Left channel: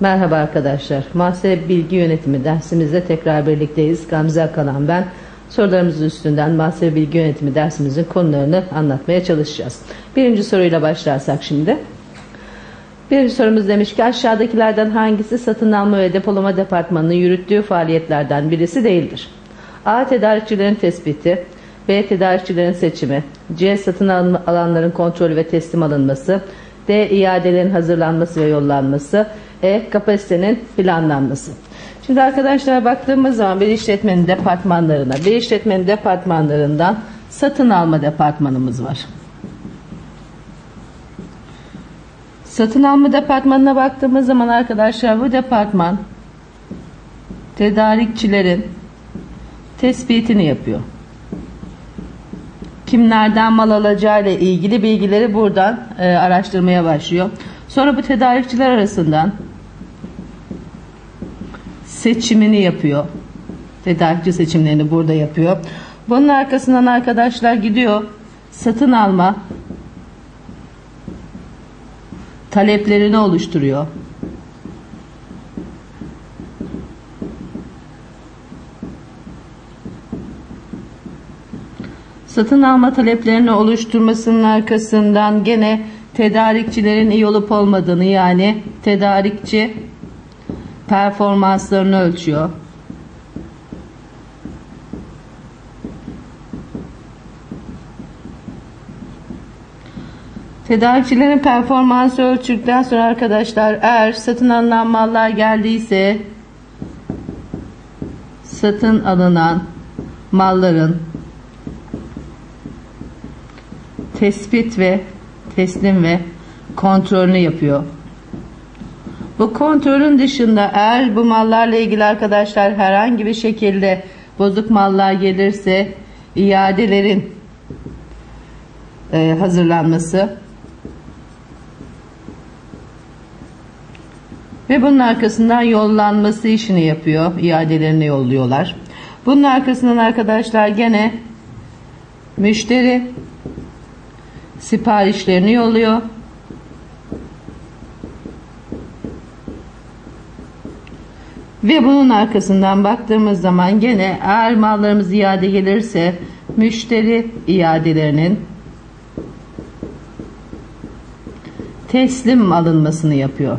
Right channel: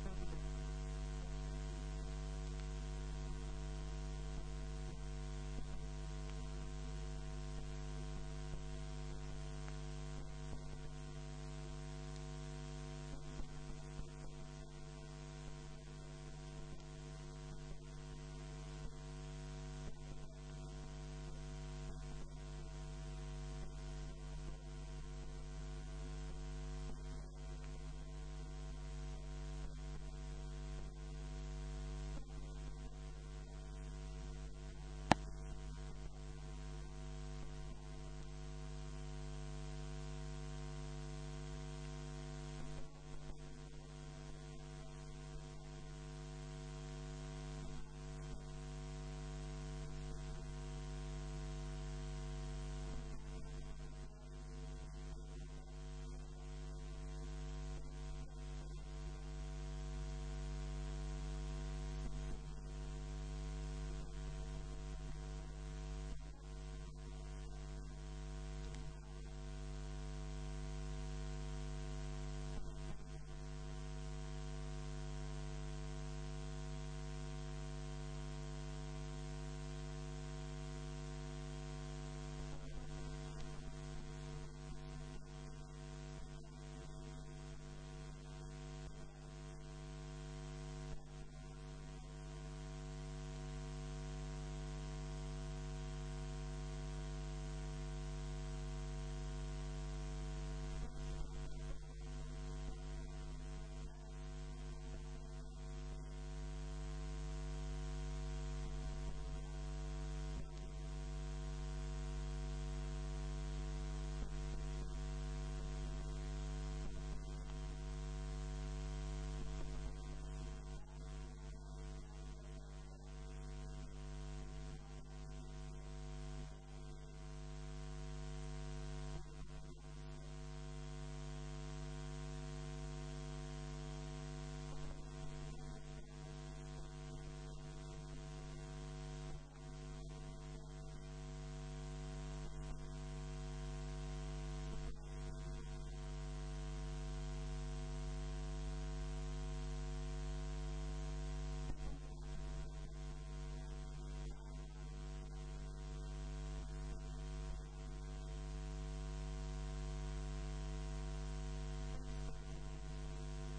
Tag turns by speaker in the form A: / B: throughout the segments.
A: Merhaba arkadaşlar. Muhasebe Bilgi Yönetimi dersimizde tekrar birlikteyiz. Gamze Akalan ben. Sorularımızın üstünden muhasebe bilgi yönetimi dersimizin konularını anlatmaya çalışacağız. Birinci soruyla başlarsak şimdi. Birinci sorumuz demiş ki aşağıdakilerden hangisi satın alma ve depolama departmanının yürüttüğü faaliyetlerden birisi değildir? A. Tedarikçilerin tespiti B. Tedarikçilerin seçimi C. Satın alanların kontrolü ve teslim alınması D. iadelerin hazırlanması ve yollanması E. Kapasitenin planlanması. Şimdi arkadaşlar baktığımız zaman bir işletmenin departmanlarına, bir işletmenin departmanlarından satın alma departmanımız var. Satın alma departmanına baktığımız zaman arkadaşlar bu departman tedarikçilerin tespitini yapıyor. Kimlerden mal alacağı ile ilgili bilgileri buradan e, araştırmaya başlıyor. Sonra bu tedarikçiler arasından seçimini yapıyor. Tedarikçi seçimlerini burada yapıyor. Bunun arkasından arkadaşlar gidiyor satın alma taleplerini oluşturuyor. Satın alma taleplerini oluşturmasının arkasından gene tedarikçilerin iyi olup olmadığını yani tedarikçi performanslarını ölçüyor. Tedarikçilerin performansı ölçüldükten sonra arkadaşlar eğer satın alınan mallar geldiyse satın alınan malların tespit ve teslim ve kontrolünü yapıyor. Bu kontrolün dışında eğer bu mallarla ilgili arkadaşlar herhangi bir şekilde bozuk mallar gelirse iadelerin e, hazırlanması ve bunun arkasından yollanması işini yapıyor. iadelerini yolluyorlar. Bunun arkasından arkadaşlar gene müşteri siparişlerini yolluyor. Ve bunun arkasından baktığımız zaman gene eğer mallarımız iade gelirse müşteri iadelerinin teslim alınmasını yapıyor.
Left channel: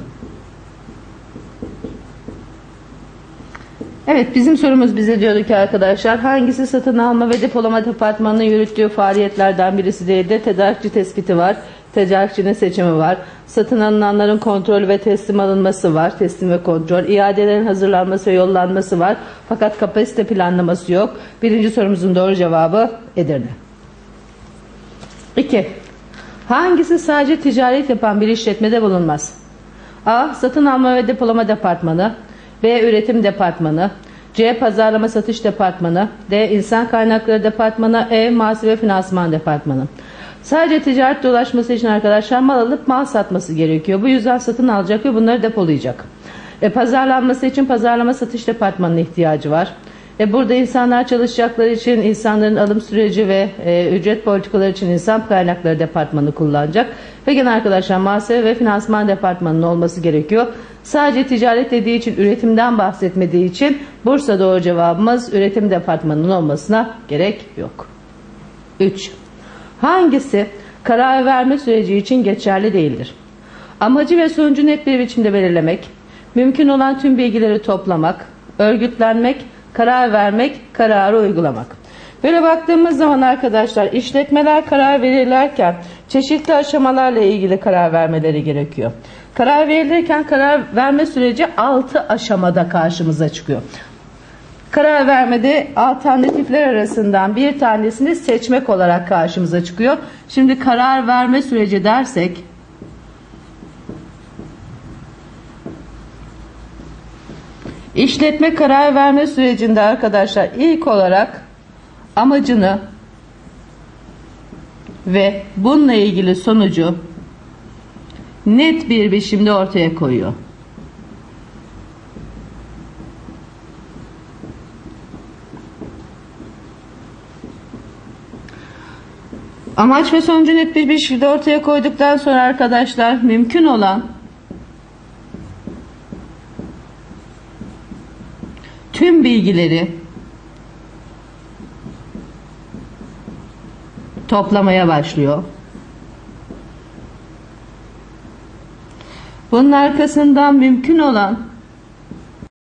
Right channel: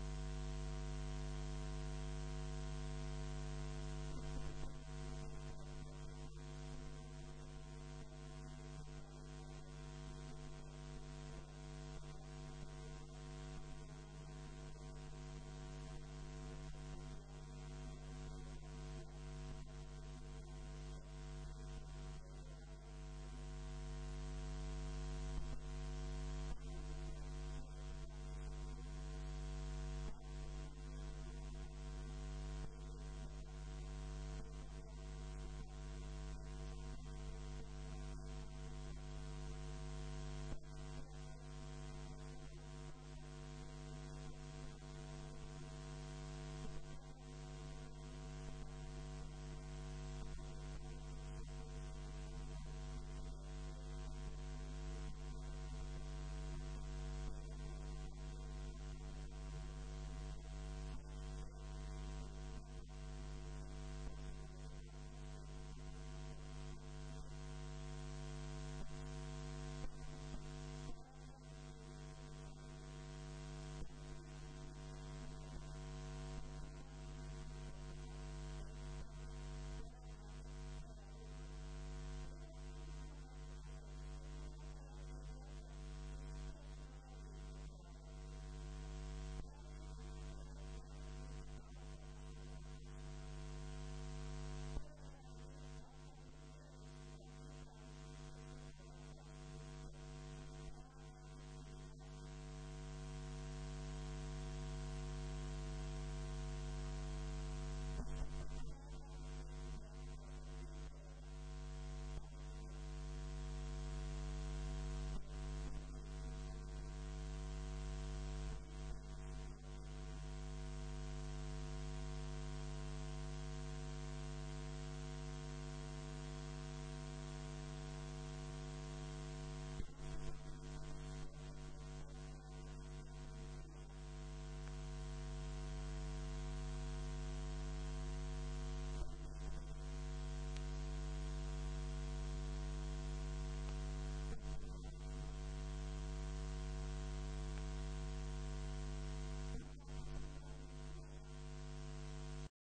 A: Evet bizim sorumuz bize diyordu ki arkadaşlar hangisi satın alma ve depolama departmanının yürüttüğü faaliyetlerden birisi değil de tedarikçi tespiti var. Tedarikçinin seçimi var. Satın alınanların kontrol ve teslim alınması var. Teslim ve kontrol. İadelerin hazırlanması ve yollanması var. Fakat kapasite planlaması yok. Birinci sorumuzun doğru cevabı Edirne. 2. Hangisi sadece ticaret yapan bir işletmede bulunmaz? A. Satın alma ve depolama departmanı. B. Üretim departmanı. C. Pazarlama satış departmanı. D. İnsan kaynakları departmanı. E. Muhasebe finansman departmanı. Sadece ticaret dolaşması için arkadaşlar mal alıp mal satması gerekiyor. Bu yüzden satın alacak ve bunları depolayacak. E, pazarlanması için pazarlama satış departmanına ihtiyacı var. E, burada insanlar çalışacakları için insanların alım süreci ve e, ücret politikaları için insan kaynakları departmanı kullanacak. Ve gene arkadaşlar muhasebe ve finansman departmanının olması gerekiyor. Sadece ticaret dediği için üretimden bahsetmediği için Bursa doğru cevabımız üretim departmanının olmasına gerek yok. 3. Hangisi karar verme süreci için geçerli değildir? Amacı ve sonucu net bir biçimde belirlemek, mümkün olan tüm bilgileri toplamak, örgütlenmek, karar vermek, kararı uygulamak. Böyle baktığımız zaman arkadaşlar işletmeler karar verirlerken çeşitli aşamalarla ilgili karar vermeleri gerekiyor. Karar verilirken karar verme süreci 6 aşamada karşımıza çıkıyor. Karar vermede alternatifler arasından bir tanesini seçmek olarak karşımıza çıkıyor. Şimdi karar verme süreci dersek işletme karar verme sürecinde arkadaşlar ilk olarak amacını ve bununla ilgili sonucu net bir biçimde ortaya koyuyor. Amaç ve sonucu net bir, bir şekilde ortaya koyduktan sonra arkadaşlar mümkün olan tüm bilgileri toplamaya başlıyor. Bunun arkasından mümkün olan